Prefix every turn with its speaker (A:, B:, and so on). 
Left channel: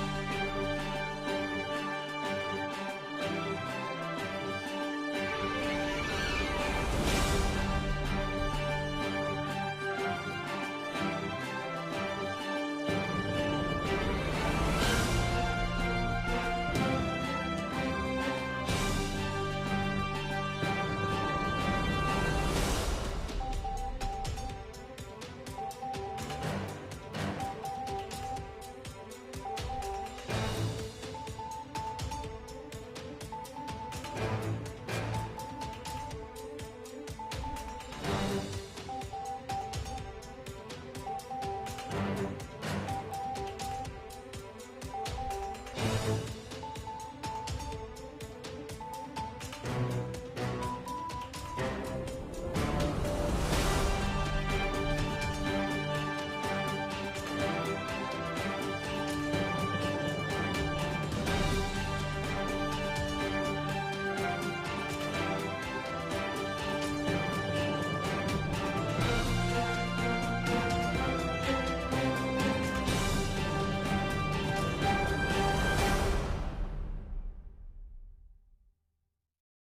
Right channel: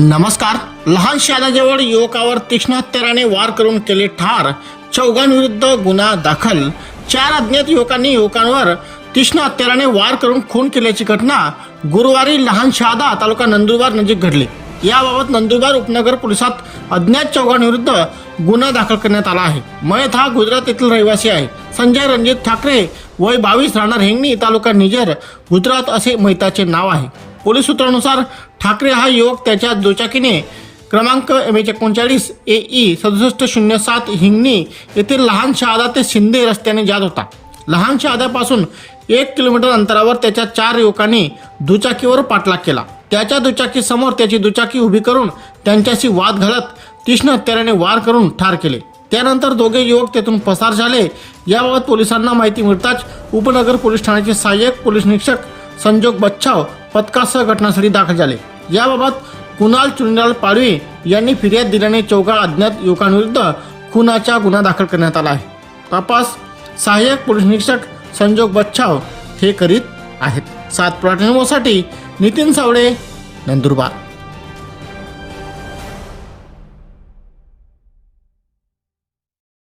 A: नमस्कार. लहान शहादाजवळ युवकावर तीक्ष्ण हत्याराने वार करून केले ठार. चौघांविरुद्ध गुन्हा दाखल. चार अज्ञात युवकांनी युवकांवर तीक्ष्ण हत्याराने वार करून खून केल्याची घटना गुरुवारी लहान शहादा तालुका नंदुरबार नजीक घडली. याबाबत नंदुरबार उपनगर पोलिसात अज्ञात चौघांविरुद्ध गुन्हा दाखल करण्यात आला आहे. मयत हा गुजरात येथील रहिवासी आहे. संजय रणजित ठाकरे वय बावीस राहणार हिंगणी तालुका निजर गुजरात असे मैताचे नाव आहे. पोलीस सूत्रानुसार ठाकरे हा युवक त्याच्या दुचाकीने क्रमांक एम एच एकोणचाळीस ए ई सदुसष्ट शून्य सात हिंगणी येथील लहान शहादा ते शिंदे रस्त्याने जात होता. लहान शहाद्यापासून एक किलोमीटर अंतरावर त्याच्या चार युवकांनी दुचाकीवर पाठलाग केला. त्याच्या दुचाकीसमोर त्याची दुचाकी उभी करून त्यांच्याशी वाद घालत तीक्ष्ण हत्याराने वार करून ठार केले. त्यानंतर दोघे युवक तेथून पसार झाले. याबाबत पोलिसांना माहिती मिळताच उपनगर पोलीस ठाण्याचे सहाय्यक पोलीस निरीक्षक संजोग बच्छाव पथकासह घटनास्थळी दाखल झाले. याबाबत कुणाल चुनलाल पाडवी यांनी फिर्याद दिल्याने चौघा अज्ञात युवकांविरुद्ध खुनाचा गुन्हा दाखल करण्यात आला आहे. तपास सहाय्यक पोलीस निरीक्षक संजोग बच्छाव हे करीत आहेत. सात साठी नितीन सावळे नंदुरबार.